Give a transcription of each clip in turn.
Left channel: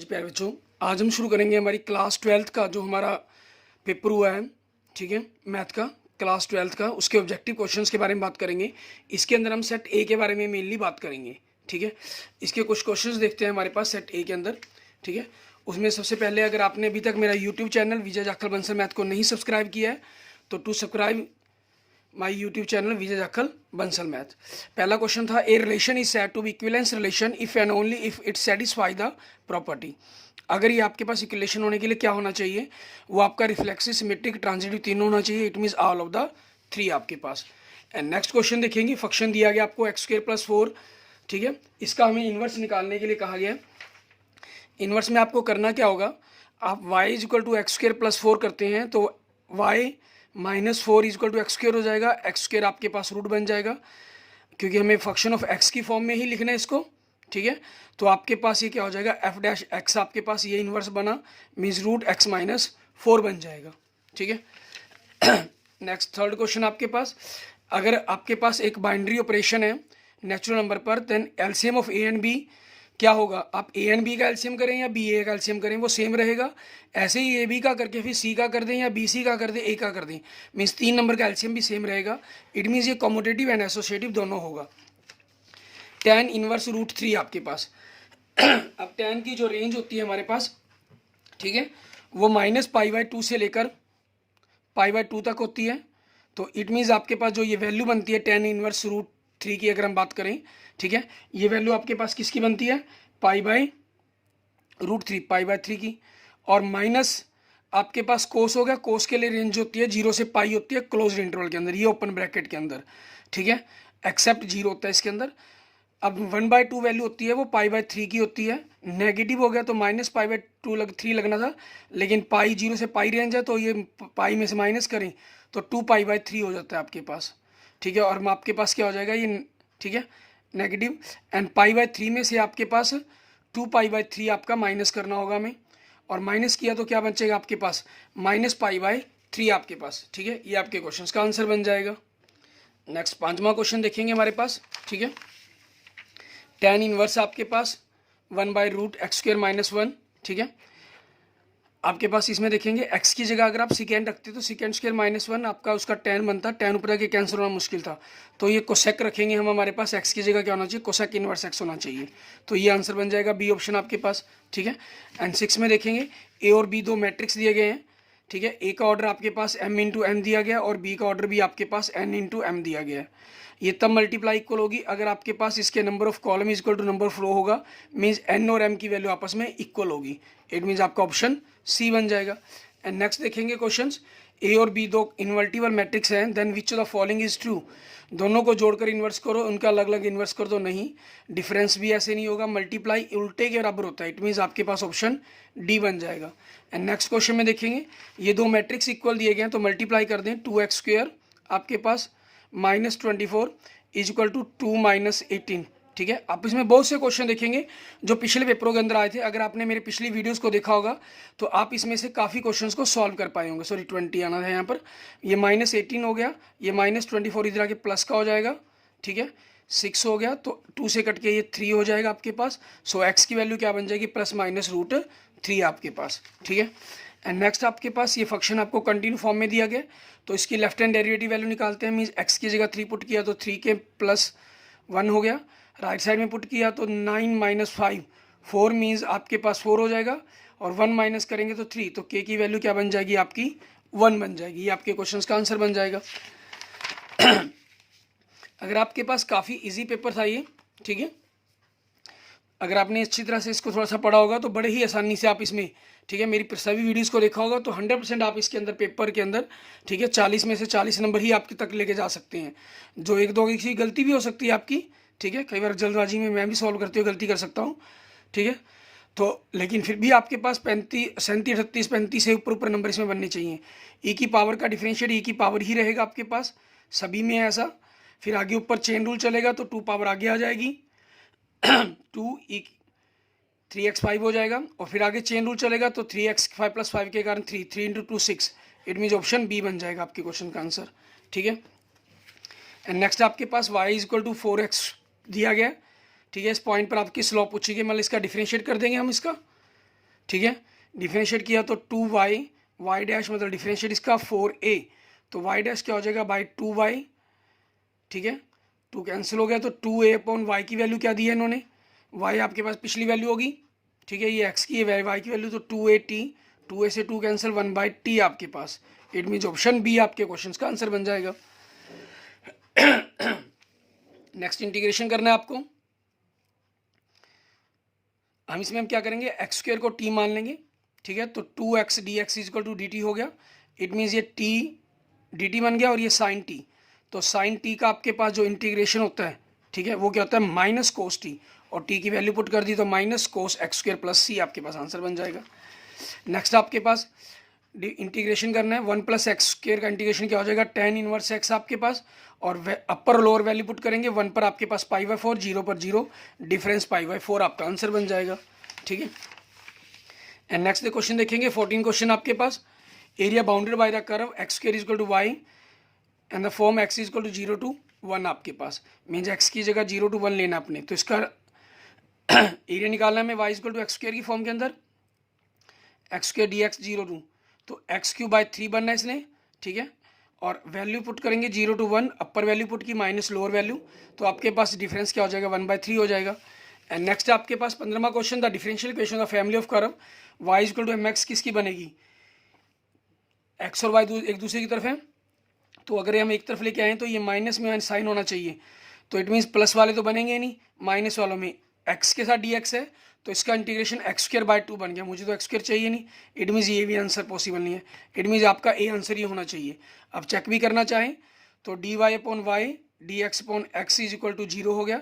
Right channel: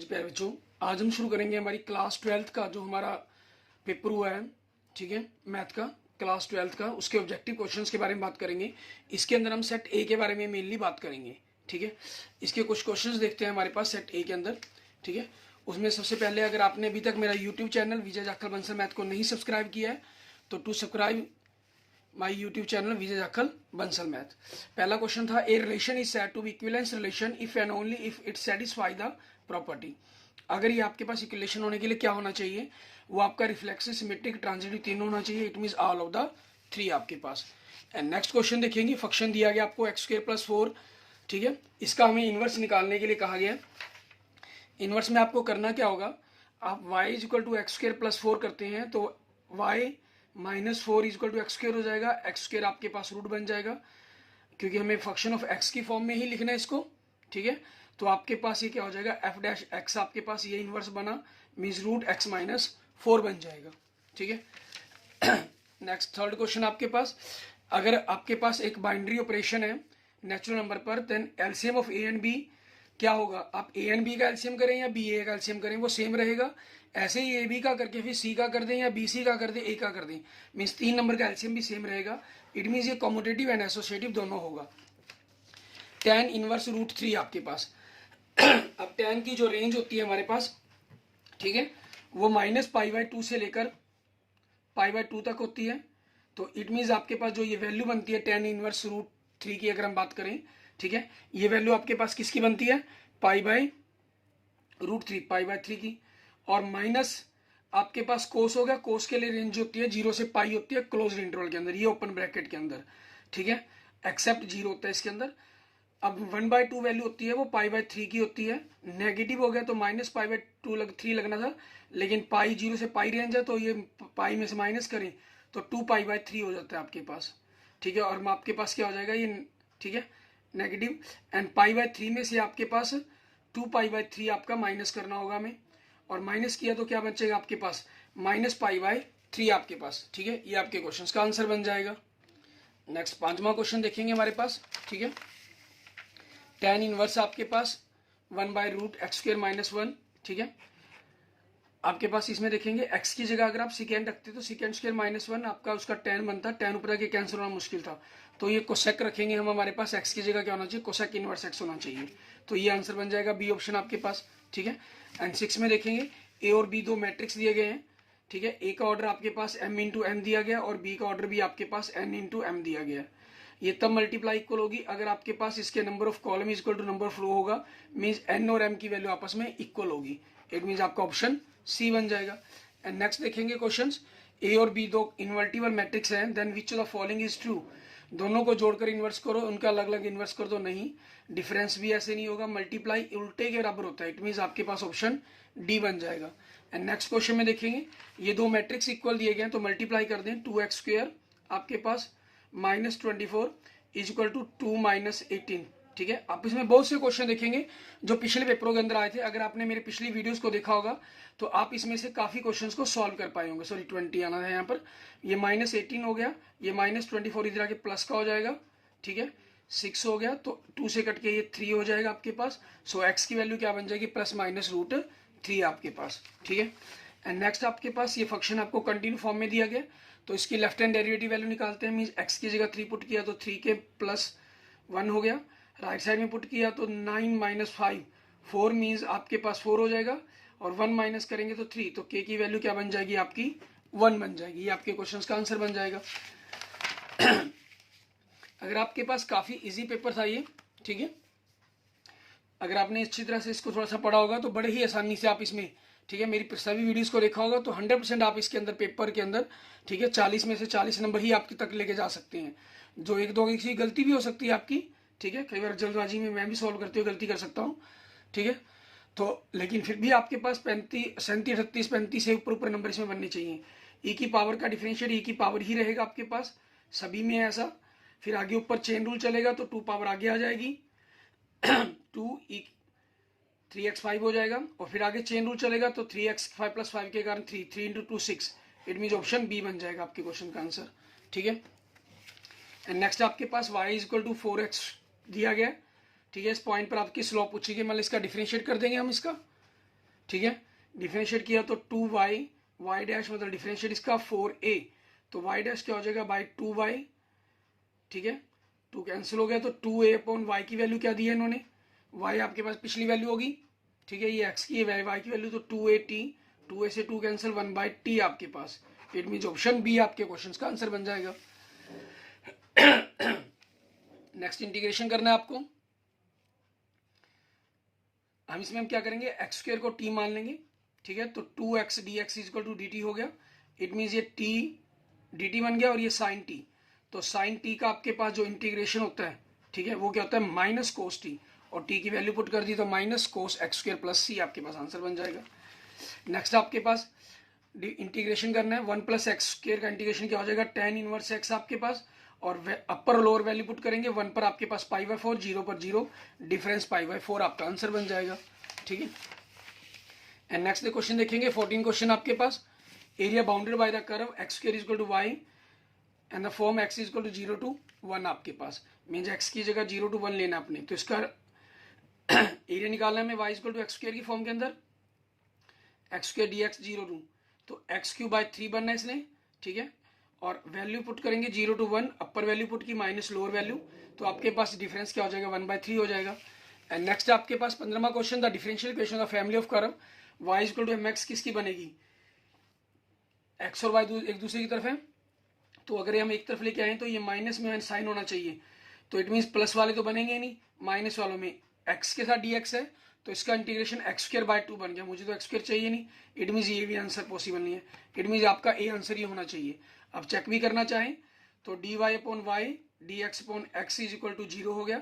जी प्यारे बच्चों, आज हम शुरू करेंगे हमारी क्लास 12th का जो हमारा पेपर हुआ है। ठीक है, मैथ का क्लास 12th का, उसके ऑब्जेक्टिव क्वेश्चंस के बारे में बात करेंगे। इसके अंदर हम सेट ए के बारे में मेनली बात करेंगे। ठीक है, इसके कुछ क्वेश्चंस देखते हैं हमारे पास सेट ए के अंदर। ठीक है, उसमें सबसे पहले अगर आपने अभी तक मेरा YouTube channel Vijay Jakhal Bansal math को नहीं सब्सक्राइब किया है तो to subscribe my YouTube channel Vijay Jakhal Bansal math. पहला क्वेश्चन था, a relation is said to be equivalence relation if and only if it satisfy the property. अगर ये आपके पास इक्विलेशन होने के लिए क्या होना चाहिए, वो आपका रिफ्लेक्सिव, सिमेट्रिक, ट्रांजिटिव तीनों होना चाहिए। It means all of the three आपके पास। एंड नेक्स्ट क्वेश्चन देखेंगे, फंक्शन दिया गया आपको x² + 4। ठीक है, इसका हमें इन्वर्स निकालने के लिए कहा गया है। इन्वर्स में आपको करना क्या होगा, आप y = x² + 4 करते हैं तो y - 4 = x² हो जाएगा। x² आपके पास रूट बन जाएगा क्योंकि हमें फंक्शन ऑफ x की फॉर्म में ही लिखना है इसको। ठीक है, तो आपके पास ये क्या हो जाएगा, f' आपके पास ये इन्वर्स बना, मीन्स √x - 4 बन जाएगा। ठीक है, नेक्स्ट थर्ड क्वेश्चन आपके पास, अगर आपके पास एक बाइनरी ऑपरेशन है नेचुरल नंबर पर, then LCM of A and B क्या होगा। आप ए एंड बी का एलसीएम करें या बी ए का एलसीएम करें वो सेम रहेगा। ऐसे ही ए बी का करके फिर सी का कर दें या बी सी का कर दें, ए का कर दें, मीन्स 3 नंबर का एलसीएम भी सेम रहेगा। इट मीन्स ये कॉम्यूटेटिव एंड एसोसिएटिव दोनों होगा। tan इनवर्स √3 आपके पास अब tan की जो रेंज होती है हमारे पास, ठीक है, वो -π/2 से लेकर π/2 तक होती है। तो इट मीन्स आपके पास जो ये वैल्यू बनती है tan इनवर्स √3 की, अगर हम बात करें, ठीक है, ये वैल्यू आपके पास किसकी बनती है, π/√3 π/3 की। और माइनस आपके पास कोस हो गया, कोस के लिए रेंज होती है 0 से पाई होती है क्लोज इंटरवल के अंदर, ये ओपन ब्रैकेट के अंदर। ठीक है, एक्सेप्ट 0 होता है इसके अंदर। अब 1/2 वैल्यू होती है वो π/3 की होती है। नेगेटिव हो गया तो -π/3 लगना था, लेकिन पाई 0 से पाई रेंज है तो ये पाई में से माइनस करें तो 2π/3 हो जाता है आपके पास। ठीक है, और आपके पास क्या हो जाएगा ये, ठीक है, नेगेटिव। एंड π/3 में से आपके पास 2π/3 आपका माइनस करना होगा हमें, और माइनस किया तो क्या बचेगा आपके पास, -π/3 आपके पास। ठीक है, ये आपके क्वेश्चन का आंसर बन जाएगा। नेक्स्ट 5वां क्वेश्चन देखेंगे हमारे पास। ठीक है, tan इनवर्स आपके पास 1/√x² - 1। ठीक है, आपके पास इसमें देखेंगे x की जगह अगर आप सेकेंड रखते तो sec² - 1 आपका उसका tan बनता, tan ऊपर आके कैंसिल होना मुश्किल था, तो ये कोसेक रखेंगे हम, हमारे पास x की जगह क्या होना चाहिए, कोसेक इनवर्स x होना चाहिए। तो ये आंसर बन जाएगा बी ऑप्शन आपके पास। ठीक है, एंड 6 में देखेंगे ए और बी दो मैट्रिक्स दिए गए हैं। ठीक है, ए का ऑर्डर आपके पास m × n दिया गया और बी का ऑर्डर भी आपके पास n × m दिया गया है। ये तब मल्टीप्लाई इक्वल होगी अगर आपके पास इसके number of column equal to number of row होगा, मीन्स n और m की वैल्यू आपस में इक्वल होगी। इट मीन्स आपका ऑप्शन सी बन जाएगा। एंड नेक्स्ट देखेंगे क्वेश्चंस, ए और बी दो इन्वर्टिबल मैट्रिक्स हैं, then which of the following is true. दोनों को जोड़कर इन्वर्स करो, उनका अलग अलग इन्वर्स कर दो, नहीं, डिफरेंस भी ऐसे नहीं होगा, मल्टीप्लाई उल्टे के बराबर होता है। इट मीन्स आपके पास ऑप्शन डी बन जाएगा। एंड नेक्स्ट क्वेश्चन में देखेंगे, ये दो मैट्रिक्स इक्वल दिए गए हैं तो मल्टीप्लाई कर दें, 2x² आपके पास -24 = 2 - 18। ठीक है, आप इसमें बहुत से क्वेश्चन देखेंगे जो पिछले पेपरों के अंदर आए थे। अगर आपने मेरे पिछली वीडियोस को देखा होगा तो आप इसमें से काफ़ी क्वेश्चंस को सॉल्व कर पाए होंगे। सॉरी 20 आना है यहाँ पर, ये -18 हो गया, ये -24 इधर आके प्लस का हो जाएगा। ठीक है, 6 हो गया तो 2 से कट के ये 3 हो जाएगा आपके पास। सो x की वैल्यू क्या बन जाएगी, +-√3 आपके पास। ठीक है, एंड नेक्स्ट आपके पास ये फंक्शन आपको कंटिन्यू फॉर्म में दिया गया, तो इसकी लेफ्ट हैंड डेरिवेटिव वैल्यू निकालते हैं। मीन्स x की जगह 3 पुट किया तो 3 के +1 हो गया, राइट साइड में पुट किया तो 9 - 5 4, मीन्स आपके पास 4 हो जाएगा, और 1 माइनस करेंगे तो 3, तो k की वैल्यू क्या बन जाएगी आपकी, 1 बन जाएगी। ये आपके क्वेश्चंस का आंसर बन जाएगा। अगर आपके पास काफ़ी इजी पेपर था ये, ठीक है, अगर आपने अच्छी तरह से इसको थोड़ा सा पढ़ा होगा तो बड़े ही आसानी से आप इसमें, ठीक है, मेरी सभी वीडियोस को देखा होगा तो 100% आप इसके अंदर पेपर के अंदर, ठीक है, 40 में से 40 नंबर ही आपके तक लेके जा सकते हैं। जो एक दो की गलती भी हो सकती है आपकी, ठीक है, कई बार जल्दबाजी में मैं भी सॉल्व करते हुए गलती कर सकता हूँ। ठीक है, तो लेकिन फिर भी आपके पास 35 37 38 35 से ऊपर नंबर इसमें बनने चाहिए। ई की पावर का डिफरेंशिएट ई की पावर ही रहेगा आपके पास, सभी में ऐसा। फिर आगे ऊपर चेन रूल चलेगा तो 2 पावर आगे आ जाएगी 2 3x5 हो जाएगा, और फिर आगे चेन रूल चलेगा तो 3x5 + 5 के कारण 3 × 2 6। इट मीन्स ऑप्शन बी बन जाएगा आपके क्वेश्चन का आंसर। ठीक है, एंड नेक्स्ट आपके पास y = 4x दिया गया। ठीक है, इस पॉइंट पर आपकी स्लोप पूछी गई, मतलब इसका डिफरेंशिएट कर देंगे हम इसका। ठीक है। डिफरेंशिएट किया तो 2y, y डैश मतलब डिफरेंशिएट इसका 4a, तो y डैश क्या हो जाएगा बाई 2y, ठीक है। 2 कैंसिल हो गया तो 2a अपॉन y की वैल्यू क्या दी है इन्होंने, y आपके पास पिछली वैल्यू होगी, ठीक है, ये x की है y की वैल्यू, तो 2at, 2a से 2 कैंसिल 1/t आपके पास। इट मीन्स ऑप्शन बी आपके क्वेश्चन का आंसर बन जाएगा। नेक्स्ट इंटीग्रेशन करना है आपको। हम इसमें हम क्या करेंगे, एक्स स्क्वायर को t मान लेंगे, ठीक है, तो 2x dx equal to dt हो गया। इट मीन्स ये t dt बन गया और ये साइन t, तो साइन t का आपके पास जो इंटीग्रेशन होता है, ठीक है, वो क्या होता है माइनस कोस t, और t की वैल्यू पुट कर दी तो minus cos X square plus C आपके पास आंसर बन जाएगा। नेक्स्ट आपके पास इंटीग्रेशन करना है, 1 प्लस एक्स स्क्वायर का इंटीग्रेशन क्या हो जाएगा tan इनवर्स x आपके पास, और अपर और लोअर वैल्यू पुट करेंगे, 1 पर आपके पास π/4, 0 पर 0, डिफरेंस π/4 आपका आंसर बन जाएगा, ठीक है। एंड नेक्स्ट क्वेश्चन देखेंगे 14 क्वेश्चन आपके पास। Area bounded by the curve X square is equal to Y and the form X is equal to 0 to 1 आपके पास, मीन्स एक्स की जगह 0 to 1 लेना आपने, तो इसका एरिया निकालना है हमें y is equal to x square की फॉर्म के अंदर, x square d x 0 to, तो एक्स क्यू बाई 3 बनना है इसने, ठीक है, और वैल्यू पुट करेंगे 0 to 1, अपर वैल्यू पुट की माइनस लोअर वैल्यू, तो आपके पास डिफरेंस क्या हो जाएगा 1/3 हो जाएगा। एंड नेक्स्ट आपके पास 15वां question, the differential equation of family of curve Y is equal to mx किसकी बनेगी, एक्स और वाई एक दूसरे की तरफ है, तो अगर हम एक तरफ लेके आए तो ये माइनस में साइन होना चाहिए, तो इट मीन्स प्लस वाले तो बनेंगे नहीं, माइनस वालों में एक्स के साथ डी एक्स है, तो इसका इंटीग्रेशन एक्स स्क्वायर बाय 2 बन गया, मुझे तो एक्स स्क्वायर चाहिए नहीं, इट मीन्स ये भी आंसर पॉसिबल नहीं है, इट मीन्स आपका ए आंसर ये होना चाहिए। अब चेक भी करना चाहें तो d y upon y d x upon x is equal to 0 हो गया,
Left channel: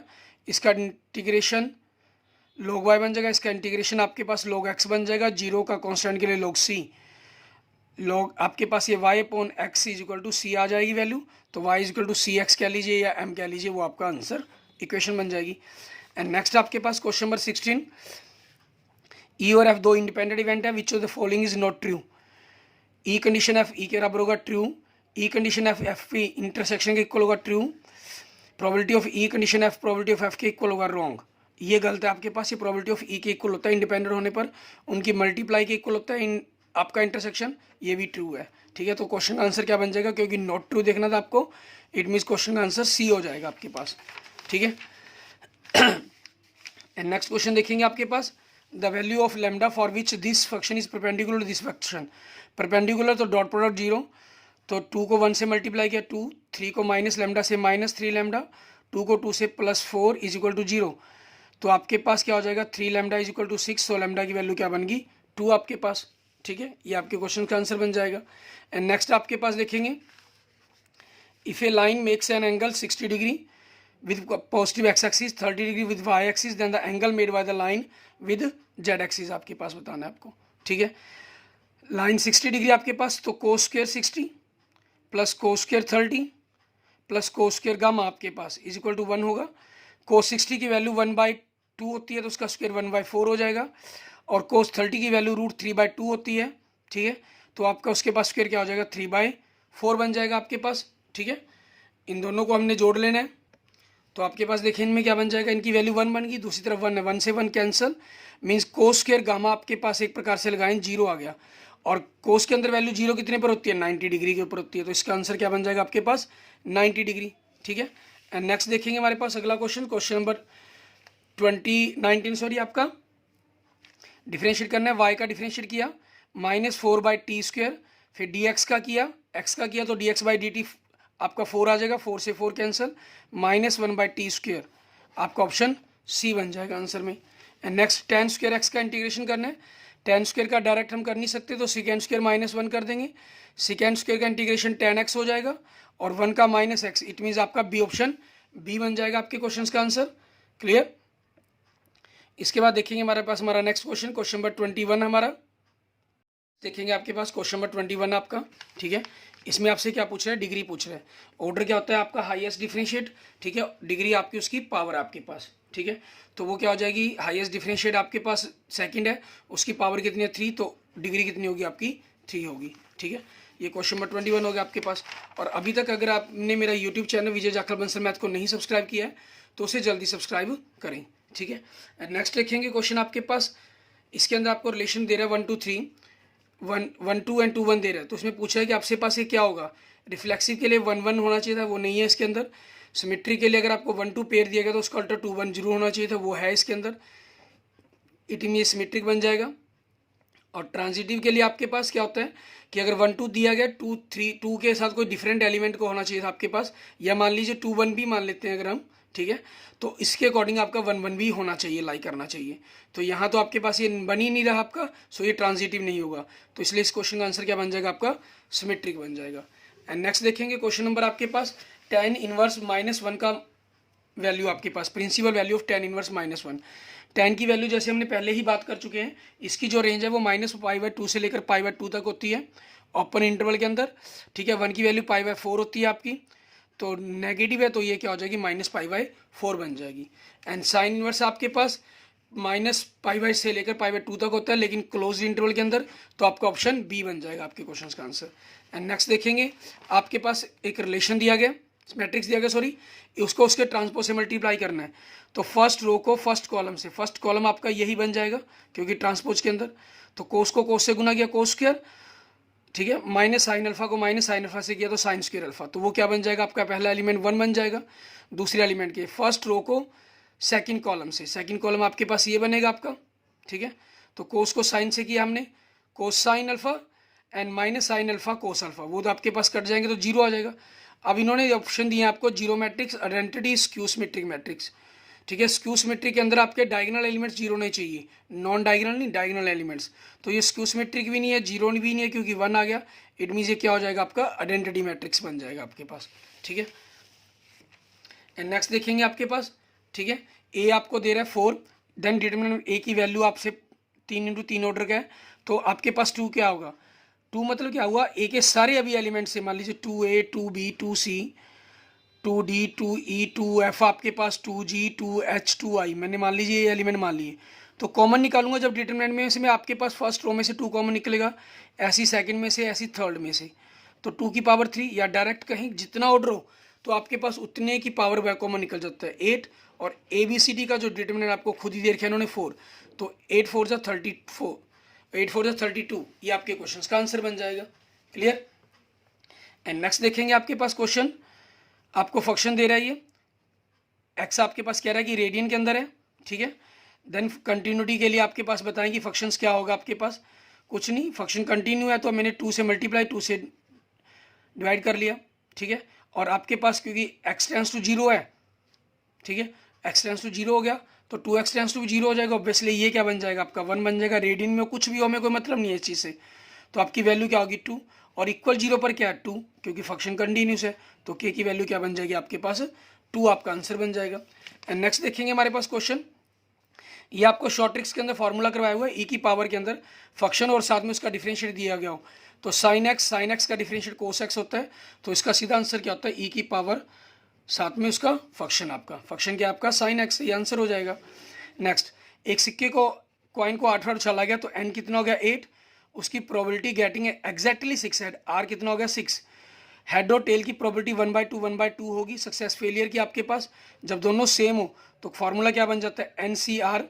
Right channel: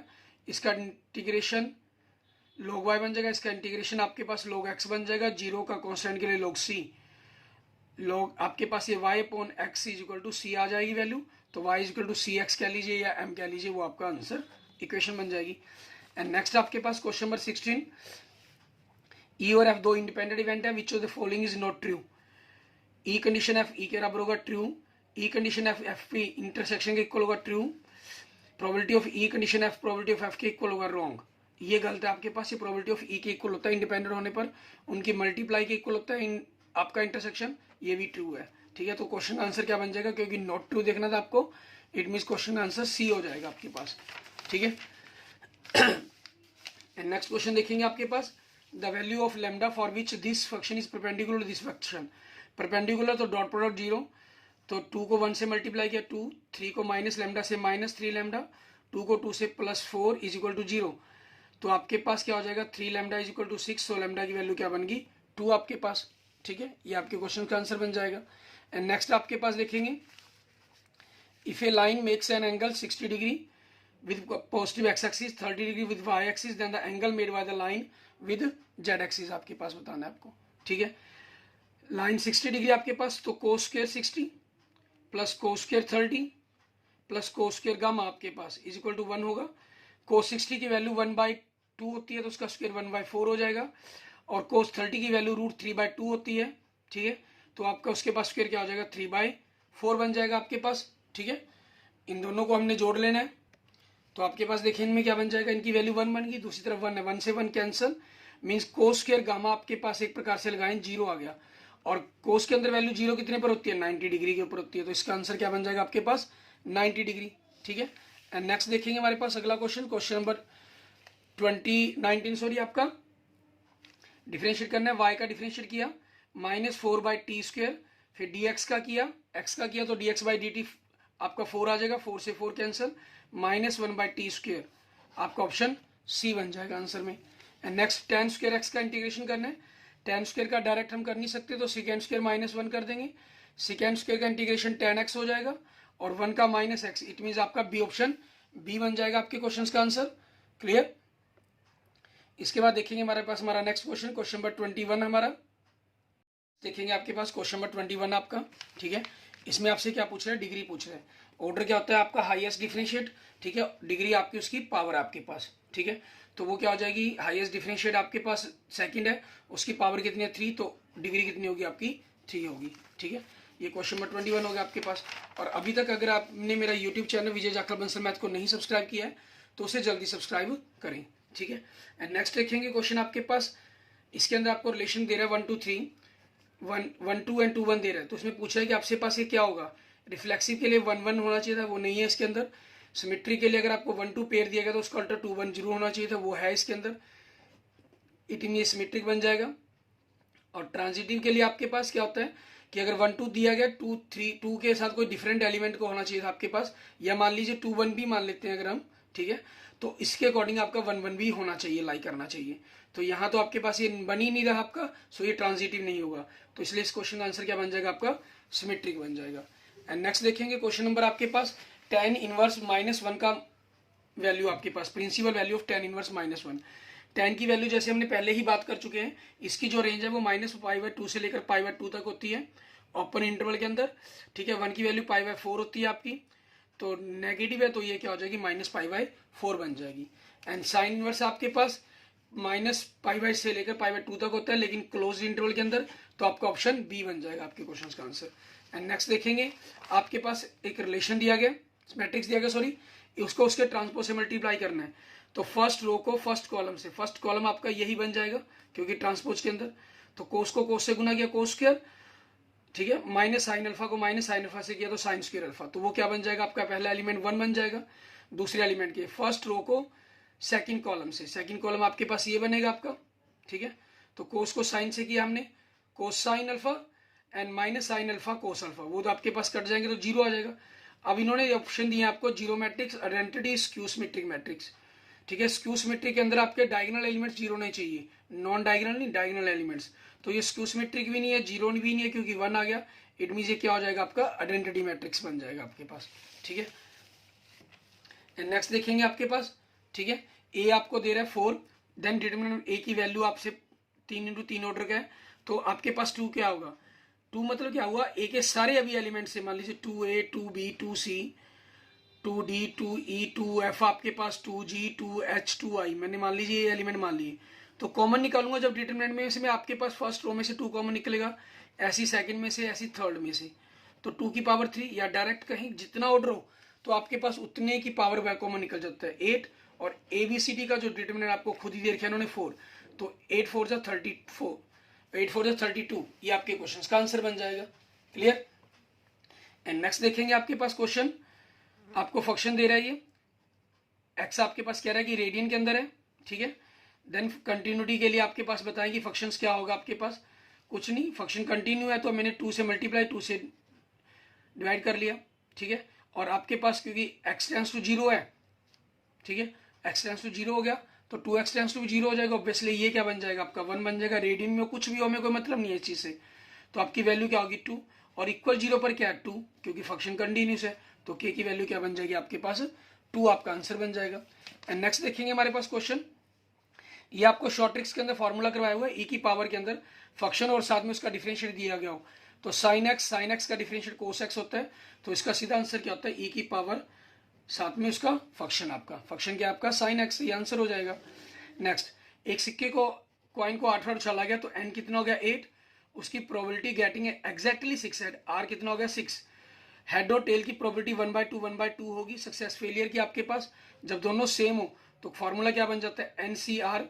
इसका इंटीग्रेशन log y बन जाएगा, इसका इंटीग्रेशन आपके पास log x बन जाएगा, 0 का कॉन्स्टेंट के लिए log c, log आपके पास ये y upon x is equal to C आ जाएगी वैल्यू, तो y is equal to C X कह लीजिए या m कह लीजिए, वो आपका आंसर इक्वेशन बन जाएगी। एंड नेक्स्ट आपके पास क्वेश्चन नंबर 16, ई और एफ दो इंडिपेंडेंट इवेंट है, which of the following is not true, E condition F E के बराबर होगा true, E condition F F P intersection के इक्वल होगा true, probability of E condition F probability of F के equal होगा wrong, ये गलत है आपके पास, ये प्रोबेबिलिटी ऑफ ई के इक्वल होता है इंडिपेंडेंट होने पर, उनकी मल्टीप्लाई के इक्वल होता है आपका इंटरसेक्शन, ये भी ट्रू है, ठीक है। तो क्वेश्चन का आंसर क्या बन जाएगा, क्योंकि नॉट ट्रू देखना था आपको, इट मीन्स क्वेश्चन का आंसर सी हो जाएगा आपके पास, ठीक है। एंड नेक्स्ट क्वेश्चन देखेंगे आपके पास, the value of lambda for which this function is perpendicular to this function, perpendicular तो डॉट प्रोडक्ट 0, तो 2 को 1 से मल्टीप्लाई किया 2, 3 को माइनस लेमडा से माइनस 3 लेमडा, 2 को 2 से प्लस 4 इज इक्वल टू 0, तो आपके पास क्या हो जाएगा 3 lambda is equal to 6, so lambda की वैल्यू क्या बन गई 2 आपके पास, ठीक है, ये आपके क्वेश्चन का आंसर बन जाएगा। एंड नेक्स्ट आपके पास देखेंगे, if A line makes an angle 60 degree with positive x axis, 30 degree with y axis, then the angle made by the line with z axis आपके पास बताना है आपको, ठीक है। लाइन 60 डिग्री आपके पास, तो cos square 60 plus cos square 30 plus cos square gamma आपके पास is equal to 1 होगा, कोस 60 की वैल्यू 1/2 होती है, तो उसका स्क्वायर 1/4 हो जाएगा, और कोस 30 की वैल्यू √3/2 होती है, ठीक है, तो आपका उसके पास स्क्वायर क्या हो जाएगा 3/4 बन जाएगा आपके पास, ठीक है। इन दोनों को हमने जोड़ लेना है, तो आपके पास देखिए इनमें क्या बन जाएगा, इनकी वैल्यू 1 बन गई, दूसरी तरफ 1 है, 1 से 1 cancel, means cos square gamma आपके पास एक प्रकार से लगाएं 0 आ गया, और कोस के अंदर वैल्यू 0 कितने पर होती है 90 डिग्री के ऊपर होती है, तो इसका आंसर क्या बन जाएगा आपके पास 90 डिग्री, ठीक है। एंड नेक्स्ट देखेंगे हमारे पास अगला क्वेश्चन, क्वेश्चन नंबर 19 आपका डिफरेंशिएट करना है, y का डिफरेंशिएट किया -4/t², फिर dx का किया, x का किया तो dx/dt आपका 4 आ जाएगा, 4 से 4 कैंसिल, -1/t², आपका ऑप्शन सी बन जाएगा आंसर में। And next tan square x का इंटीग्रेशन करना है, tan स्क्वायर का डायरेक्ट हम कर नहीं सकते, तो सेकेंड स्क्वायर -1 कर देंगे, सेकेंड स्क्वायर का इंटीग्रेशन tan x हो जाएगा, और 1 का -x, इट मीन्स आपका बी ऑप्शन बी बन जाएगा आपके क्वेश्चन का आंसर, क्लियर। इसके बाद देखेंगे हमारे पास हमारा नेक्स्ट क्वेश्चन, क्वेश्चन नंबर 21 हमारा देखेंगे आपके पास, क्वेश्चन नंबर 21 आपका, ठीक है। इसमें आपसे क्या पूछ रहे हैं, डिग्री पूछ रहे हैं, ऑर्डर क्या होता है आपका हाईएस्ट डिफरेंशिएट, ठीक है, डिग्री आपकी उसकी पावर आपके पास, ठीक है, तो वो क्या हो जाएगी हाईएस्ट डिफरेंशिएट आपके पास सेकंड है, उसकी पावर कितनी है 3, तो डिग्री कितनी होगी आपकी 3 होगी, ठीक है। ये क्वेश्चन नंबर 21 हो गया आपके पास। और अभी तक अगर आपने मेरा यूट्यूब चैनल विजय जाखड़ बंसल मैथ को नहीं सब्सक्राइब किया है तो उसे जल्दी सब्सक्राइब करें, ठीक है। एंड नेक्स्ट लिखेंगे क्वेश्चन आपके पास, इसके अंदर आपको रिलेशन दे रहा है 1 2 3, 1 2 एंड 2 1 दे रहा है। तो उसमें पूछा है कि आपके पास ये क्या होगा, रिफ्लेक्सिव के लिए 1 1 होना चाहिए था, वो नहीं है इसके अंदर। सिमेट्री के लिए अगर आपको 1 2 पेयर दिया गया तो उसका अल्टर 2 1 जरूर होना चाहिए था, वो है इसके अंदर, इट मीन ये सिमेट्रिक बन जाएगा। और ट्रांजिटिव के लिए आपके पास क्या होता है कि अगर 1 2 दिया गया, 2 3 2 के साथ कोई डिफरेंट एलिमेंट को होना चाहिए था आपके पास, या मान लीजिए 2 1 भी मान लेते हैं अगर हम, ठीक है, तो इसके अकॉर्डिंग आपका 1 1 भी होना चाहिए, लाई करना चाहिए। तो यहाँ तो आपके पास ये बन ही नहीं रहा आपका, सो ये ट्रांजिटिव नहीं होगा। तो इसलिए इस क्वेश्चन का आंसर क्या बन जाएगा आपका, सिमेट्रिक बन जाएगा। एंड नेक्स्ट देखेंगे क्वेश्चन नंबर आपके पास tan इनवर्स -1 का वैल्यू आपके पास, principal value of tan inverse -1। tan की वैल्यू जैसे हमने पहले ही बात कर चुके हैं, इसकी जो रेंज है वो -π/2 से लेकर π/2 तक होती है ओपन इंटरवल के अंदर, ठीक है। 1 की वैल्यू π/4 होती है आपकी, तो नेगेटिव है तो ये क्या हो जाएगी, -π/4 बन जाएगी। एंड साइन इनवर्स आपके पास -π से लेकर π/2 तक होता है, लेकिन क्लोज इंटरवल के अंदर, तो आपका ऑप्शन बी बन जाएगा आपके क्वेश्चन का आंसर। एंड नेक्स्ट देखेंगे, आपके पास एक रिलेशन दिया गया, मैट्रिक्स दिया गया सॉरी, उसको उसके ट्रांसपोज से मल्टीप्लाई करना है। तो फर्स्ट रो को फर्स्ट कॉलम से, फर्स्ट कॉलम आपका यही बन जाएगा क्योंकि ट्रांसपोज के अंदर, तो कोस को कोस से गुना किया कोस स्क्वायर, ठीक है, माइनस साइन अल्फा को माइनस साइन अल्फा से किया तो साइन स्क्वायर अल्फा, तो वो क्या बन जाएगा आपका, पहला एलिमेंट 1 बन जाएगा। दूसरे एलिमेंट के फर्स्ट रो को सेकंड कॉलम से, सेकंड कॉलम आपके पास ये बनेगा आपका, ठीक है। तो कोस को साइन से किया हमने, कोस sine alpha and minus sine alpha cos alpha, वो तो आपके पास कट जाएंगे तो जीरो आ जाएगा। अब इन्होंने ऑप्शन दिए आपको zero matrix, identity, skew symmetric matrix, ठीक है। स्क्यू सिमेट्रिक के अंदर आपके डायगोनल एलिमेंट्स जीरो नहीं चाहिए, नॉन डायगोनल नहीं, डायगोनल एलिमेंट्स। तो ये स्क्यू सिमेट्रिक भी नहीं है, जीरो भी नहीं है, क्योंकि 1 आ गया, इट मीन्स ये क्या हो जाएगा आपका, आइडेंटिटी मैट्रिक्स बन जाएगा आपके पास, ठीक है। एंड नेक्स्ट देखेंगे आपके पास, ठीक है, ए आपको दे रहा है 4, देन डिटरमिनेंट ए की वैल्यू आपसे 3 × 3 ऑर्डर का है, तो आपके पास 2 क्या होगा, 2 मतलब क्या हुआ, ए के सारे अभी एलिमेंट से, मान लीजिए 2a 2b 2c 2d 2e 2f, आपके पास 2g 2h 2i, मैंने मान लीजिए ये एलिमेंट मान लिए, तो कॉमन निकालूंगा जब डिटरमिनेंट में से, मैं आपके पास फर्स्ट रो में से 2 कॉमन निकलेगा, ऐसी सेकंड में से, ऐसी थर्ड में से, तो 2 की पावर 3, या डायरेक्ट कहीं जितना ऑर्डर हो तो आपके पास उतने की पावर वह कॉमन निकल जाता है 8, और ABCD का जो डिटरमिनेंट आपको खुद ही दे रखा है इन्होंने 4, तो 8 4 जा 34, 8 4 जा 32, ये आपके क्वेश्चन का आंसर बन जाएगा। क्लियर। एंड नेक्स्ट देखेंगे आपके पास क्वेश्चन, आपको फंक्शन दे रहा है ये एक्स, आपके पास कह रहा है कि रेडियन के अंदर है, ठीक है। देन कंटिन्यूटी के लिए आपके पास बताएं कि फंक्शंस क्या होगा, आपके पास कुछ नहीं, फंक्शन कंटिन्यू है तो मैंने 2 से मल्टीप्लाई, 2 से डिवाइड कर लिया, ठीक है। और आपके पास क्योंकि x टेंस टू 0 है, ठीक है, x टेंस टू 0 हो गया तो 2x टेंस टू 0 हो जाएगा, ऑब्वियसली ये क्या बन जाएगा आपका 1 बन जाएगा। रेडियन में कुछ भी हो, हमें कोई मतलब नहीं है इस चीज़ से, तो आपकी वैल्यू क्या होगी 2, और इक्वल 0 पर क्या है 2, क्योंकि फंक्शन कंटिन्यूस है, तो k की वैल्यू क्या बन जाएगी आपके पास 2, आपका आंसर बन जाएगा। एंड नेक्स्ट देखेंगे हमारे पास क्वेश्चन, ये आपको शॉर्ट ट्रिक्स के अंदर फॉर्मूला करवाया हुआ है, e की पावर के अंदर फंक्शन और साथ में उसका डिफरेंशिएट दिया गया हो, तो साइन एक्स का डिफरेंशिएट कोस एक्स होता है, तो इसका सीधा आंसर क्या होता है, e की पावर साथ में उसका फंक्शन, आपका फंक्शन क्या आपका साइन एक्स, ये आंसर हो जाएगा। नेक्स्ट, एक सिक्के को कॉइन को 8 बार उछाला गया तो n कितना हो गया 8, उसकी probability getting exactly 6 head, r कितना हो गया 6, हेड और टेल की प्रोबेबिलिटी 1/2 होगी। सक्सेस फेलियर की आपके पास जब दोनों सेम हो तो फॉर्मूला क्या बन जाता है NCR,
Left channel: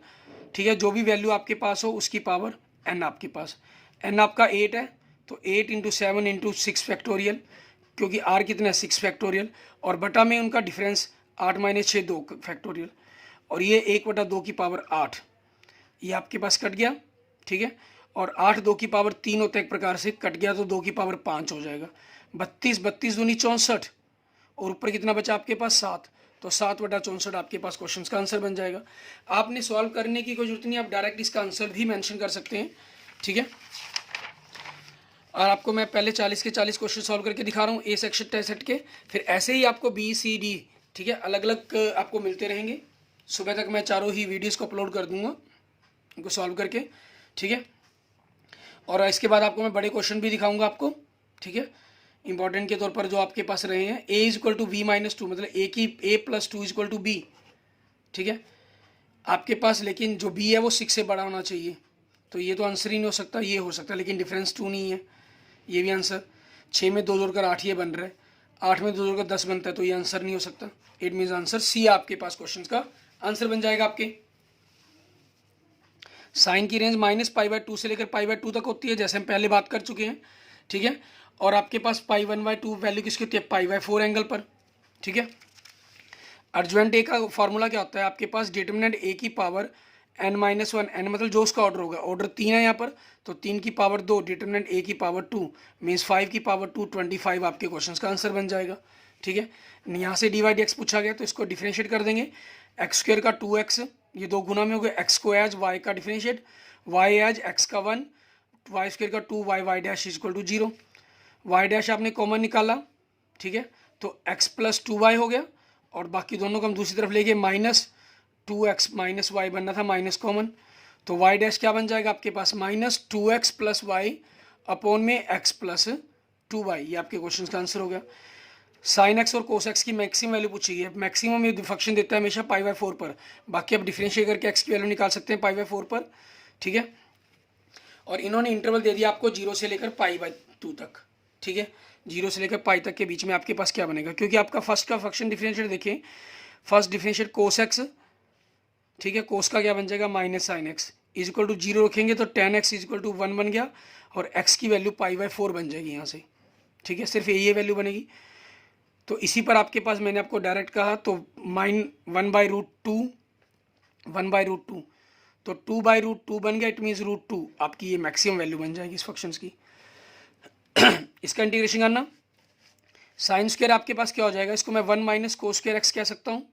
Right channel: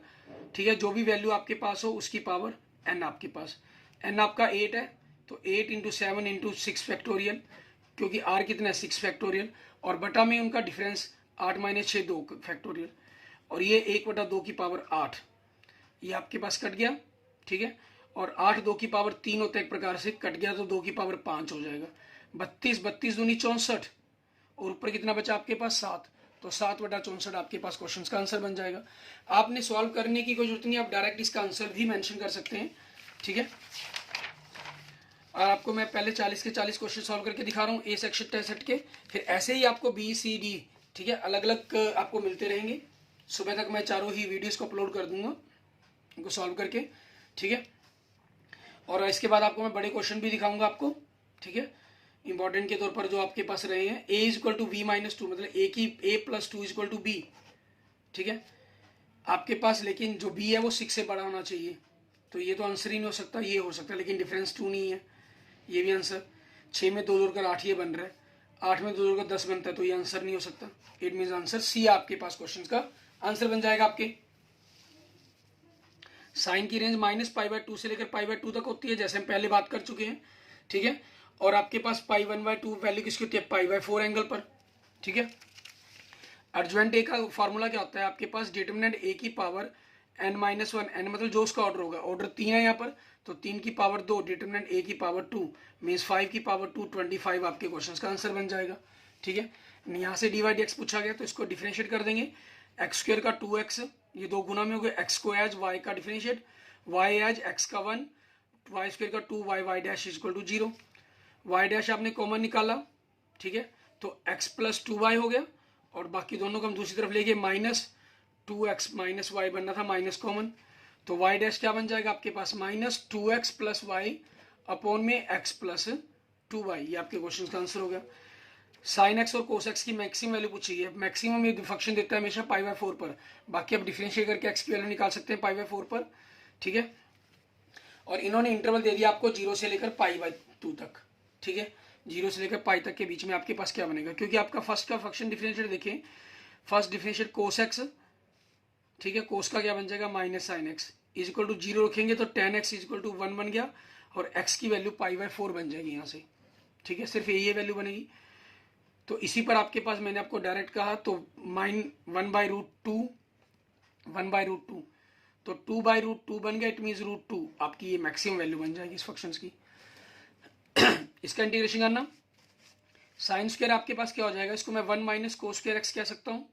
ठीक है, जो भी वैल्यू आपके पास हो उसकी पावर n, आपके पास n आपका 8 है तो 8 × 7 × 6 फैक्टोरियल, क्योंकि r कितना है 6 फैक्टोरियल, और बटा में उनका डिफरेंस 8 - 6 2 फैक्टोरियल, और ये 1/2 की पावर 8, ये आपके पास कट गया, ठीक है। और 8 2 की पावर 3 होता है एक प्रकार से, कट गया तो 2 की पावर 5 हो जाएगा, 32 32 दूनी 64, और ऊपर कितना बचा आपके पास 7, तो 7/64 आपके पास क्वेश्चन का आंसर बन जाएगा। आपने सॉल्व करने की कोई जरूरत नहीं, आप डायरेक्ट इसका आंसर भी मेंशन कर सकते हैं, ठीक है। और आपको मैं पहले 40 के 40 क्वेश्चन सॉल्व करके दिखा रहा हूँ ए सेक्शन टेस्ट के, फिर ऐसे ही आपको BCD, ठीक है, अलग अलग आपको मिलते रहेंगे। सुबह तक मैं चारों ही वीडियोस को अपलोड कर दूंगा उनको सॉल्व करके, ठीक है। और इसके बाद आपको मैं बड़े क्वेश्चन भी दिखाऊंगा आपको, ठीक है, इंपॉर्टेंट के तौर पर जो आपके पास रहे हैं। a = b - 2, मतलब a + 2 = b, ठीक है आपके पास, लेकिन जो b है वो 6 से बड़ा होना चाहिए, तो ये तो आंसर ही नहीं हो सकता, ये हो सकता है लेकिन डिफरेंस 2 नहीं है, ये भी आंसर। 6 में 2 जोड़कर 8 ये बन रहा है, 8 में 2 जोड़कर 10 बनता है, तो ये आंसर नहीं हो सकता। इट मीन्स आंसर C आपके पास क्वेश्चन का आंसर बन जाएगा आपके। साइन की रेंज -π/2 से लेकर π/2 तक होती है, जैसे हम पहले बात कर चुके हैं, ठीक है। और आपके पास π1/2 वैल्यू किसकी होती है, π/4 एंगल पर, ठीक है। अर्जुवेंट ए का फॉर्मूला क्या होता है आपके पास, डिटर्मिनेंट ए की पावर n-1, n मतलब जो उसका ऑर्डर होगा, ऑर्डर 3 है यहाँ पर, तो 3 की पावर 2 डिटर्मिनेंट ए की पावर 2 मीन्स 5 की पावर 2 25 आपके क्वेश्चन का आंसर बन जाएगा, ठीक है। यहाँ से dy/dx पूछा गया तो इसको डिफ्रेंशिएट कर देंगे, x² का 2x, ये 2 गुना में हो गया, x को एज y का डिफ्रेंशिएट, y एज x का 1, y² का 2, y dash equal to 0, y dash आपने कॉमन निकाला, ठीक है, तो x + 2y हो गया, और बाकी दोनों को हम दूसरी तरफ ले गए, -2x - y बनना था, माइनस कॉमन, तो y डैश क्या बन जाएगा आपके पास, -2x + y अपॉन में x + 2y, ये आपके क्वेश्चन का आंसर हो गया। साइन एक्स और कोस एक्स की मैक्सिमम वैल्यू पूछी है, मैक्सिमम ये फंक्शन देता है हमेशा π/4 पर, बाकी आप डिफरेंशिएट करके एक्स की वैल्यू निकाल सकते हैं π/4 पर, ठीक है। और इन्होंने इंटरवल दे दिया आपको 0 से लेकर π/2 तक, ठीक है, 0 से लेकर π तक के बीच में आपके पास क्या बनेगा, क्योंकि आपका फर्स्ट का फंक्शन डिफरेंशिएट देखिए, फर्स्ट डिफरेंशिएट कोस एक्स, ठीक है, कोस का क्या बन जाएगा -sin x इक्वल टू 0 रखेंगे तो tan x इक्वल टू 1 बन गया, और x की वैल्यू π/4 बन जाएगी यहाँ से, ठीक है, सिर्फ ये वैल्यू बनेगी। तो इसी पर आपके पास मैंने आपको डायरेक्ट कहा, तो -1/√2 1/√2, तो 2/√2 बन गया, इट मीन्स √2 आपकी ये मैक्सिमम वैल्यू बन जाएगी इस फंक्शंस की। इसका इंटीग्रेशन करना, साइन स्क्वायर आपके पास क्या हो जाएगा, इसको मैं 1 - cos² x कह सकता हूँ,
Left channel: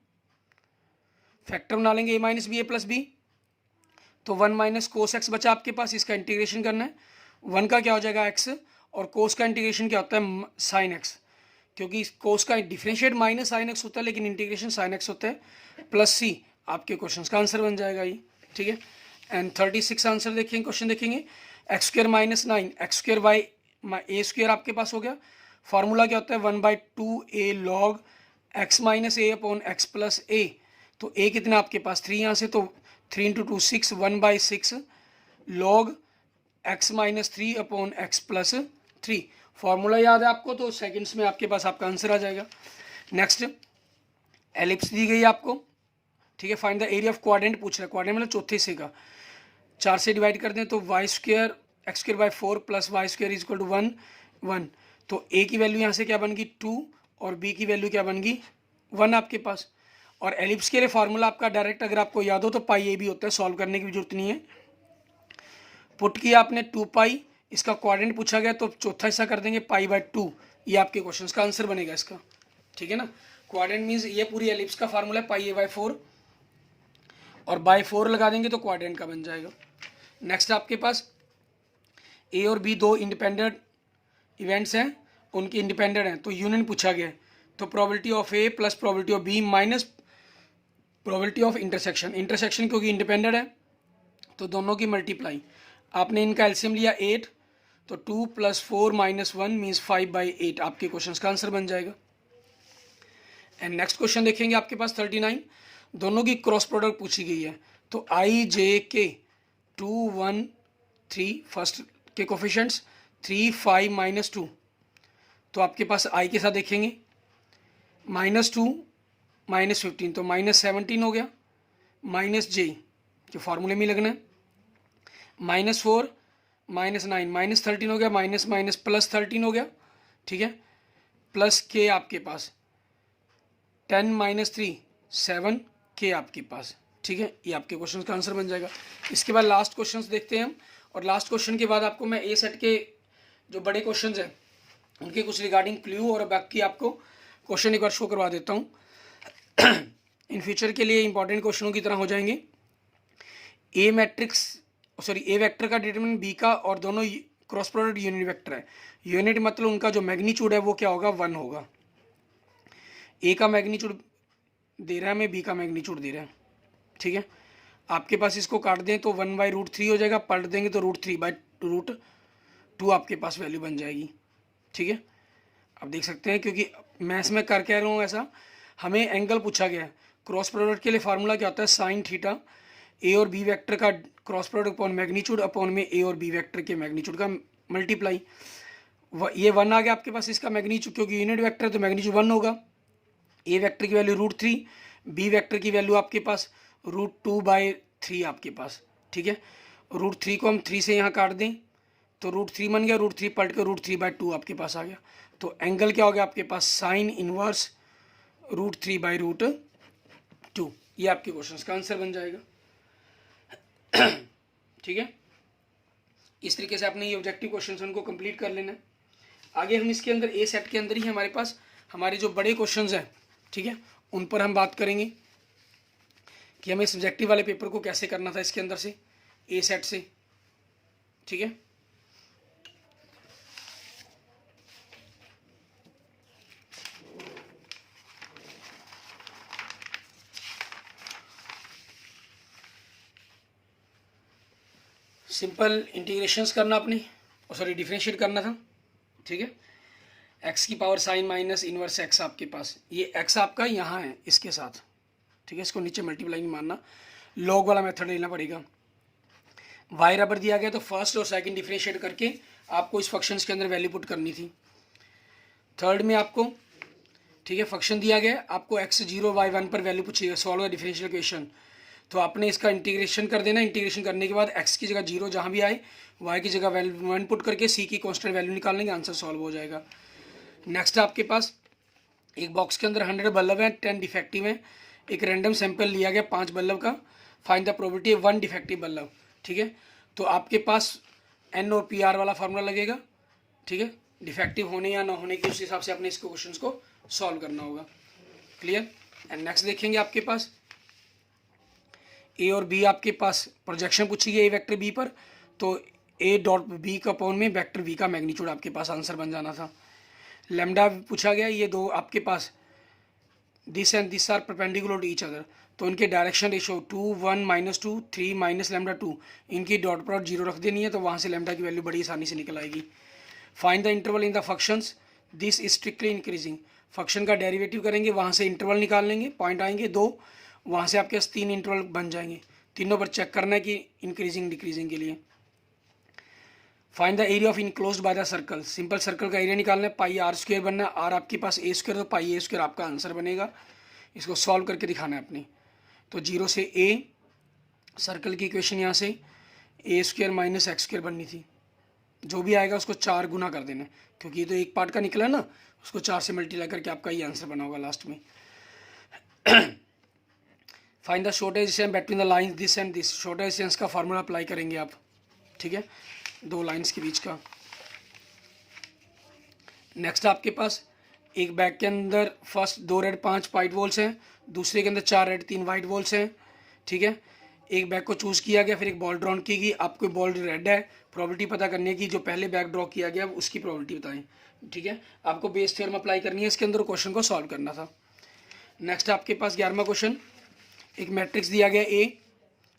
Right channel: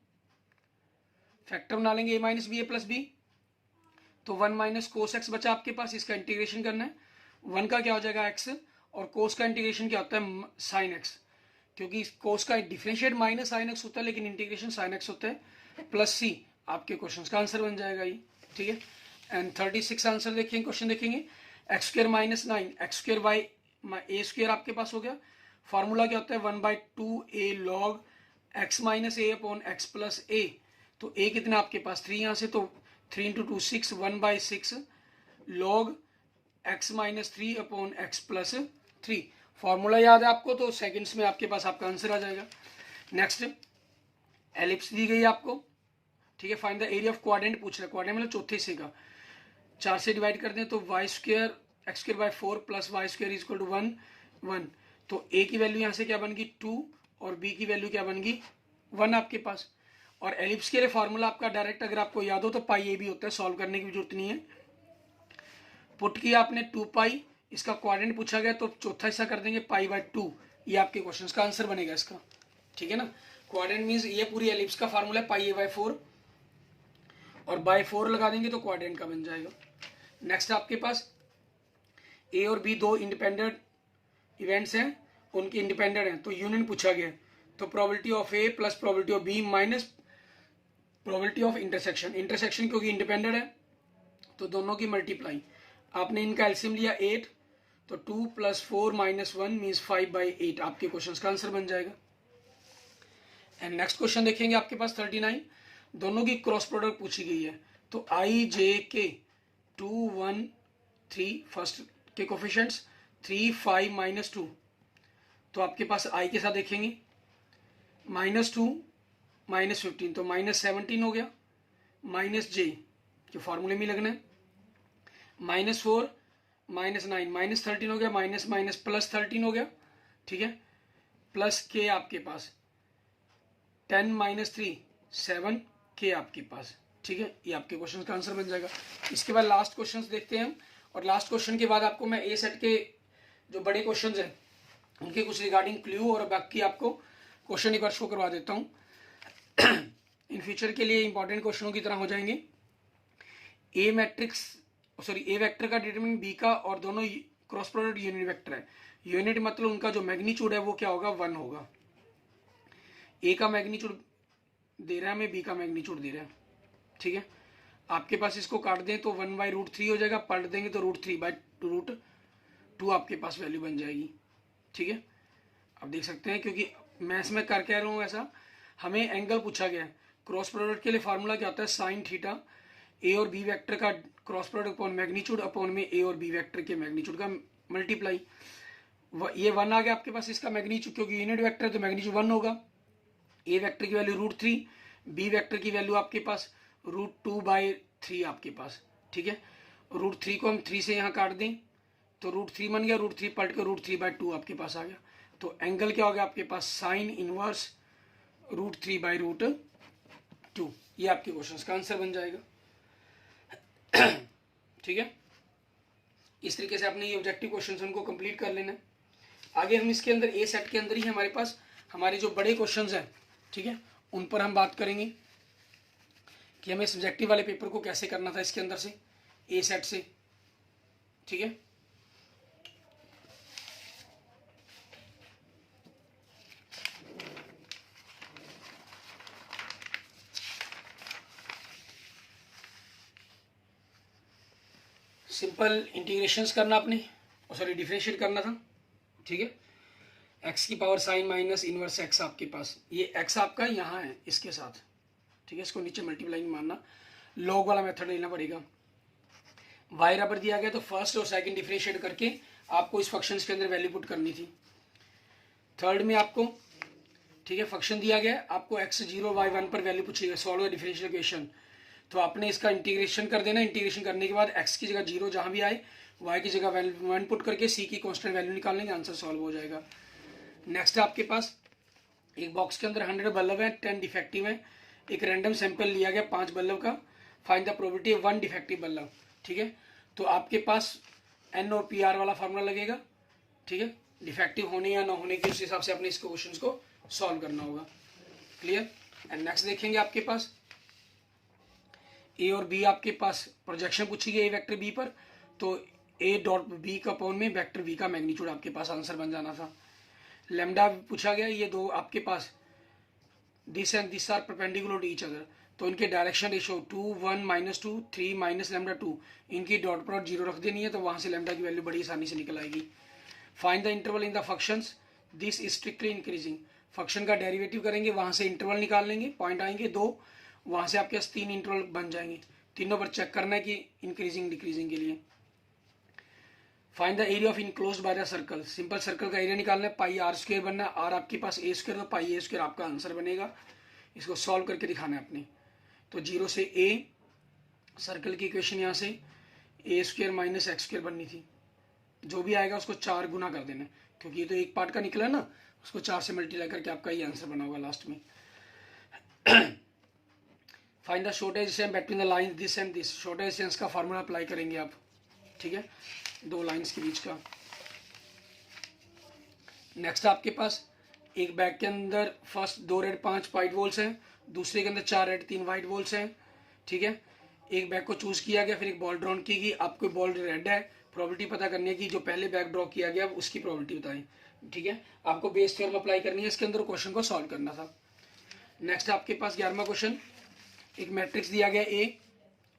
फैक्टर बना लेंगे a - b a + b, तो 1 - cos x बचा आपके पास, इसका इंटीग्रेशन करना है, 1 का क्या हो जाएगा x, और cos का इंटीग्रेशन क्या होता है sin x, क्योंकि कोस का डिफरेंशिएट -sin x होता है, लेकिन इंटीग्रेशन sin x होता है, +c आपके क्वेश्चन का आंसर बन जाएगा ये, ठीक है। एंड 36 आंसर देखेंगे, क्वेश्चन देखेंगे, x² - 9 x² आपके पास हो गया, फार्मूला क्या होता है 1/2a log x - a upon x + a, तो a कितना आपके पास 3 यहाँ से, तो 3 × 2 6, 1/6 log x - 3 upon x + 3, formula याद है आपको, तो सेकंड्स में आपके पास आपका आंसर आ जाएगा। नेक्स्ट एलिप्स दी गई आपको, ठीक है, find the area of quadrant पूछ रहा है, क्वाड्रेंट मतलब चौथे हिस्से का, 4 से डिवाइड कर दें तो y² x² / 4 + y² equal to 1 1, तो a की वैल्यू यहाँ से क्या बन गई 2, और b की वैल्यू क्या बन गई 1 आपके पास। और एलिप्स के लिए फार्मूला आपका डायरेक्ट अगर आपको याद हो तो पाई भी होता है, सॉल्व करने की भी जरूरत नहीं है। पुट किया आपने 2π, इसका क्वाड्रेंट पूछा गया तो चौथा हिस्सा कर देंगे π/2, ये आपके क्वेश्चन का आंसर बनेगा इसका, ठीक है ना। क्वाड्रेंट मीन्स ये पूरी एलिप्स का फार्मूला है πa/4, और /4 लगा देंगे तो क्वाड्रेंट का बन जाएगा। नेक्स्ट आपके पास a और b 2 इंडिपेंडेंट इवेंट्स हैं, उनके इंडिपेंडेंट हैं, तो यूनियन पूछा गया है, तो probability of a + probability of b minus probability of intersection, intersection क्योंकि इंडिपेंडेंट है तो दोनों की मल्टीप्लाई, आपने इनका एलसीएम लिया 8, तो 2 + 4 - 1 मीन्स 5/8 आपके क्वेश्चन का आंसर बन जाएगा। एंड नेक्स्ट क्वेश्चन देखेंगे आपके पास 39, दोनों की क्रॉस प्रोडक्ट पूछी गई है, तो IJK 2 1 3 फर्स्ट के कोफिशिएंट्स 3 5 - 2, तो आपके पास I के साथ देखेंगे -2 -15, तो -17 हो गया, -j जो फार्मूले में लगना है, -4 -9 -13 हो गया, +13 हो गया, ठीक है, प्लस k आपके पास 10 - 3 7 k आपके पास, ठीक है, ये आपके क्वेश्चन का आंसर बन जाएगा। इसके बाद लास्ट क्वेश्चन देखते हैं हम, और लास्ट क्वेश्चन के बाद आपको मैं ए सेट के जो बड़े क्वेश्चन हैं उनके कुछ रिगार्डिंग क्लू और बाकी आपको क्वेश्चन एक बार शो करवा देता हूँ, इन फ्यूचर के लिए इंपॉर्टेंट क्वेश्चनों की तरह हो जाएंगे। ए वेक्टर का डिटरमिनेंट बी का, और दोनों क्रॉस प्रोडक्ट यूनिट वेक्टर है, यूनिट मतलब उनका जो मैग्नीट्यूड है वो क्या होगा 1 होगा, ए का मैग्नीट्यूड दे रहा है हमें, बी का मैग्नीट्यूड दे रहा है, ठीक है। आपके पास इसको काट दें तो 1/√3 हो जाएगा, पलट देंगे तो √3/√2 आपके पास वैल्यू बन जाएगी, ठीक है। आप देख सकते हैं, क्योंकि मैं इसमें कर कह रहा हूँ ऐसा, हमें एंगल पूछा गया है, क्रॉस प्रोडक्ट के लिए फार्मूला क्या होता है साइन थीटा, ए और बी वेक्टर का cross product upon magnitude upon में ए और बी वेक्टर के मैग्नीट्यूड का मल्टीप्लाई, ये 1 आ गया आपके पास इसका मैग्नीट्यूड, क्योंकि यूनिट वेक्टर है तो मैग्नीट्यूड 1 होगा। ए वेक्टर की वैल्यू √3, बी वेक्टर की वैल्यू आपके पास √2/3 आपके पास, ठीक है। √3 को हम 3 से यहाँ काट दें तो √3 बन गया, √3 पलट के √3/2 आपके पास आ गया। तो एंगल क्या हो गया आपके पास, साइन इनवर्स √3/2। ये आपके क्वेश्चन का आंसर बन जाएगा। ठीक है, इस तरीके से आपने ये ऑब्जेक्टिव क्वेश्चन उनको कंप्लीट कर लेना है। आगे हम इसके अंदर ए सेट के अंदर ही हमारे पास हमारे जो बड़े क्वेश्चंस हैं, ठीक है, उन पर हम बात करेंगे कि हमें सब्जेक्टिव वाले पेपर को कैसे करना था इसके अंदर से, ए सेट से। ठीक है, सिंपल इंटीग्रेशंस करना आपने, सॉरी डिफरेंशिएट करना था। ठीक है, एक्स की power sine minus inverse x आपके पास, ये एक्स आपका यहाँ है इसके साथ। ठीक है, इसको नीचे मल्टीप्लाई नहीं मानना, लॉग वाला मेथड लेना पड़ेगा। वाई बराबर दिया गया तो फर्स्ट और सेकंड डिफरेंशिएट करके आपको इस फंक्शंस के अंदर वैल्यू पुट करनी थी। थर्ड में आपको, ठीक है, फंक्शन दिया गया, आपको x0 y1 पर वैल्यू पूछेगा, सॉल्व द डिफरेंशियल इक्वेशन। तो आपने इसका इंटीग्रेशन कर देना। इंटीग्रेशन करने के बाद x की जगह 0 जहाँ भी आए, y की जगह वैल्यू 1 पुट करके c की कांस्टेंट वैल्यू निकाल लेंगे, आंसर सॉल्व हो जाएगा। नेक्स्ट आपके पास एक बॉक्स के अंदर 100 बल्ब हैं, 10 डिफेक्टिव हैं। एक रैंडम सैंपल लिया गया 5 बल्ब का, find the probability of 1 defective bulb. ठीक है, तो आपके पास एन और पी आर वाला फार्मूला लगेगा। ठीक है, डिफेक्टिव होने या ना होने के उस हिसाब से अपने इसको क्वेश्चन को सॉल्व करना होगा। क्लियर। एंड नेक्स्ट देखेंगे आपके पास ए और बी, आपके पास प्रोजेक्शन पूछी गई ए वेक्टर बी पर, तो ए डॉट बी का अपॉन में वेक्टर बी का मैग्नीट्यूड आपके पास आंसर बन जाना था। लैम्डा पूछा गया, ये दो आपके पास this and this are perpendicular to each other, तो इनके डायरेक्शन रेशो 2 1 -2 3 माइनस लैम्डा 2, इनकी डॉट प्रोडक्ट 0 रख देनी है, तो वहाँ से लैम्डा की वैल्यू बड़ी आसानी से निकल आएगी। Find the interval in the functions, this is strictly increasing. Function का डेरिवेटिव करेंगे, वहाँ से इंटरवल निकाल लेंगे, पॉइंट आएंगे 2, वहाँ से आपके पास 3 इंटरवल बन जाएंगे। तीनों पर चेक करना है कि इंक्रीजिंग डिक्रीजिंग के लिए। Find the area of enclosed by the circle, simple circle का एरिया निकालना है, पाई आर स्क्वायर बनना है, आर आपके पास ए स्क्वायर, तो पाई ए स्क्वायर आपका आंसर बनेगा। इसको सॉल्व करके दिखाना है अपने। तो 0 से ए, सर्कल की इक्वेशन यहाँ से ए स्क्वायर माइनस एक्स स्क्वायर बननी थी, जो भी आएगा उसको 4 गुना कर देना है, क्योंकि ये तो एक पार्ट का निकला ना, उसको 4 से मल्टीप्लाई करके आपका ये आंसर बना होगा लास्ट में। Find the shortage distance between the lines this and this, shortage distance का फार्मूला अप्लाई करेंगे आप। ठीक है, दो लाइंस के बीच का। नेक्स्ट आपके पास एक बैग के अंदर फर्स्ट 2 रेड 5 वाइट वॉल्स हैं, दूसरे के अंदर 4 रेड 3 वाइट वॉल्स हैं। ठीक है, एक बैग को चूज़ किया गया, फिर एक बॉल ड्रॉ की गई, आपको बॉल रेड है, प्रोबेबिलिटी पता करने की, जो पहले बैग ड्रॉ किया गया उसकी प्रोबेबिलिटी बताएं। ठीक है, आपको बेस थ्योरम अप्लाई करनी है, इसके अंदर क्वेश्चन को सॉल्व करना था। नेक्स्ट आपके पास 11वां क्वेश्चन, एक मैट्रिक्स दिया गया ए।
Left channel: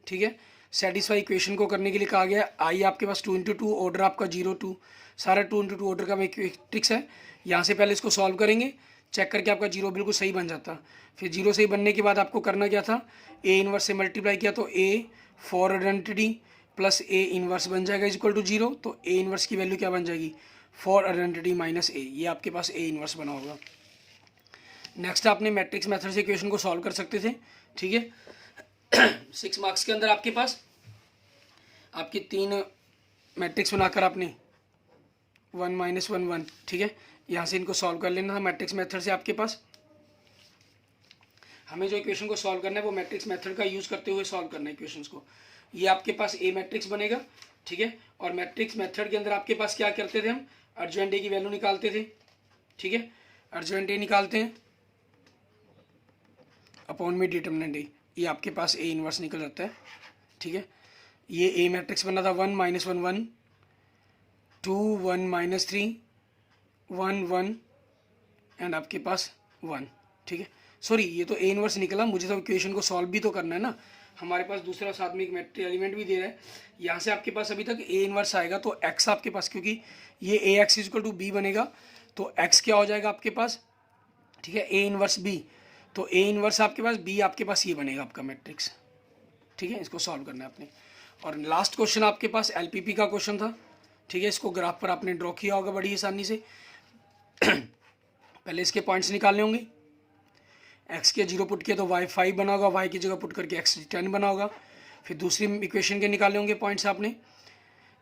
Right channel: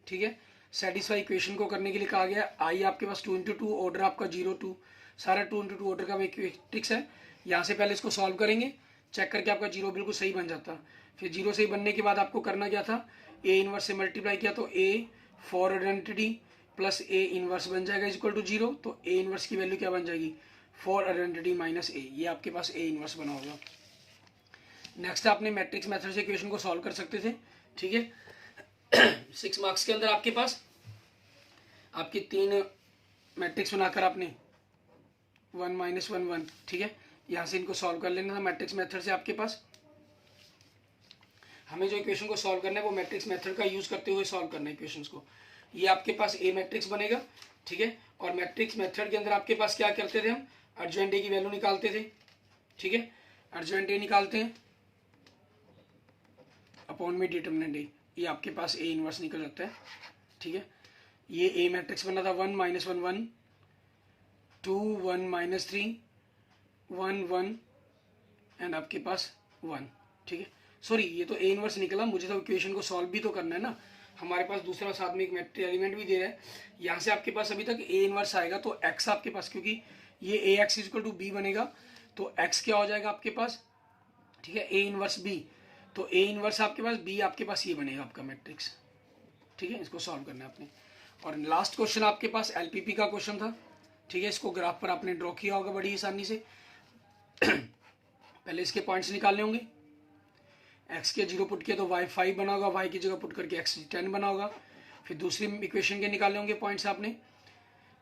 ठीक है, सेटिस्फाई इक्वेशन को करने के लिए कहा गया, आई आपके पास 2 × 2, ऑर्डर आपका 0 2, सारा 2 × 2 ऑर्डर का मैट्रिक्स है। यहाँ से पहले इसको सॉल्व करेंगे, चेक करके आपका 0 बिल्कुल सही बन जाता। फिर 0 सही बनने के बाद आपको करना क्या था, ए इनवर्स से मल्टीप्लाई किया, तो A for identity plus A inverse बन जाएगा इक्वल टू 0, तो ए इनवर्स की वैल्यू क्या बन जाएगी, फॉर आइडेंटिटी माइनस ए, ये आपके पास ए इनवर्स बना होगा। नेक्स्ट आपने मैट्रिक्स मेथड से इक्वेशन को सॉल्व कर सकते थे। ठीक है, 6 मार्क्स के अंदर आपके पास आपकी 3 मैट्रिक्स बनाकर आपने 1 -1 1, ठीक है, यहाँ से इनको सॉल्व कर लेना था मैट्रिक्स मेथड से। आपके पास हमें जो इक्वेशन को सॉल्व करना है वो मैट्रिक्स मेथड का यूज़ करते हुए सॉल्व करना है इक्वेशंस को। ये आपके पास ए मैट्रिक्स बनेगा। ठीक है, और मैट्रिक्स मेथड के अंदर आपके पास क्या करते थे, हम अर्जेंट ए की वैल्यू निकालते थे। ठीक है, अर्जेंट ए निकालते हैं अपॉन में डिटर्मिनेंट ए, ये आपके पास ए इनवर्स निकल जाता है। ठीक है, ये ए मैट्रिक्स बना था 1 -1 1 2 1 -3 1 1 एंड आपके पास 1। ठीक है, सॉरी ये तो ए इनवर्स निकला, मुझे तो इक्वेशन को सॉल्व भी तो करना है ना, हमारे पास दूसरा साथ में एक मैट्रिक्स एलिमेंट भी दे रहा है। यहाँ से आपके पास अभी तक ए इनवर्स आएगा, तो एक्स आपके पास, क्योंकि ये ए एक्स इक्वल टू बी बनेगा, तो एक्स क्या हो जाएगा आपके पास, ठीक है, ए इनवर्स बी, तो ए इनवर्स आपके पास, बी आपके पास ये बनेगा आपका मैट्रिक्स। ठीक है, इसको सॉल्व करना है आपने। और लास्ट क्वेश्चन आपके पास एलपीपी का क्वेश्चन था। ठीक है, इसको ग्राफ पर आपने ड्रॉ किया होगा बड़ी आसानी से। पहले इसके पॉइंट्स निकालने होंगे, एक्स के 0 पुट किया तो वाई 5 बना होगा, वाई की जगह पुट करके एक्स 10 बना होगा। फिर दूसरी इक्वेशन के निकाले होंगे पॉइंट्स आपने,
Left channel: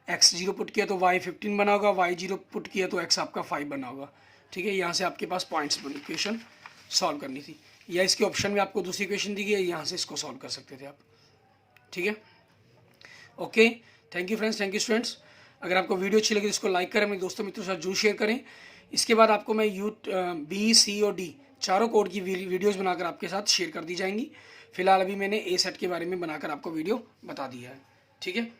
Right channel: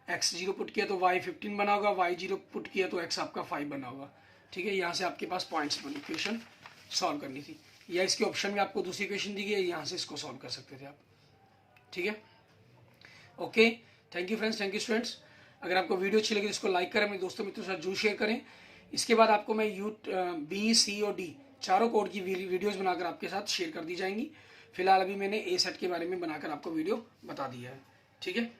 x 0 पुट किया तो y 15 बना होगा, y 0 पुट किया तो x आपका 5 बना होगा। ठीक है, यहाँ से आपके पास पॉइंट्स बनी, इक्वेशन सॉल्व करनी थी, या इसके ऑप्शन में आपको दूसरी इक्वेशन दी गई है, यहाँ से इसको सॉल्व कर सकते थे आप। ठीक है, okay, thank you friends, thank you students. अगर आपको वीडियो अच्छी लगी तो इसको लाइक करें, अपने दोस्तों मित्रों के साथ जरूर शेयर करें। इसके बाद आपको मैं B, C और D चारों कोड की वीडियोस बनाकर आपके साथ शेयर कर दी जाएंगी। फिलहाल अभी मैंने A सेट के बारे में बनाकर आपको वीडियो बता दिया है। ठीक है,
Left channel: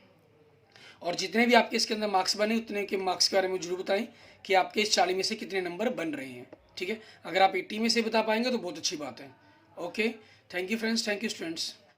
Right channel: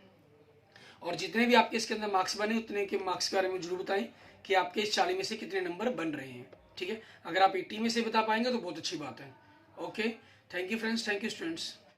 और जितने भी आपके इसके अंदर मार्क्स बने उतने के मार्क्स के बारे में जरूर बताएं कि आपके इस 40 में से कितने नंबर बन रहे हैं। ठीक है, अगर आप 80 में से बता पाएंगे तो बहुत अच्छी बात है। Okay, thank you friends, thank you students.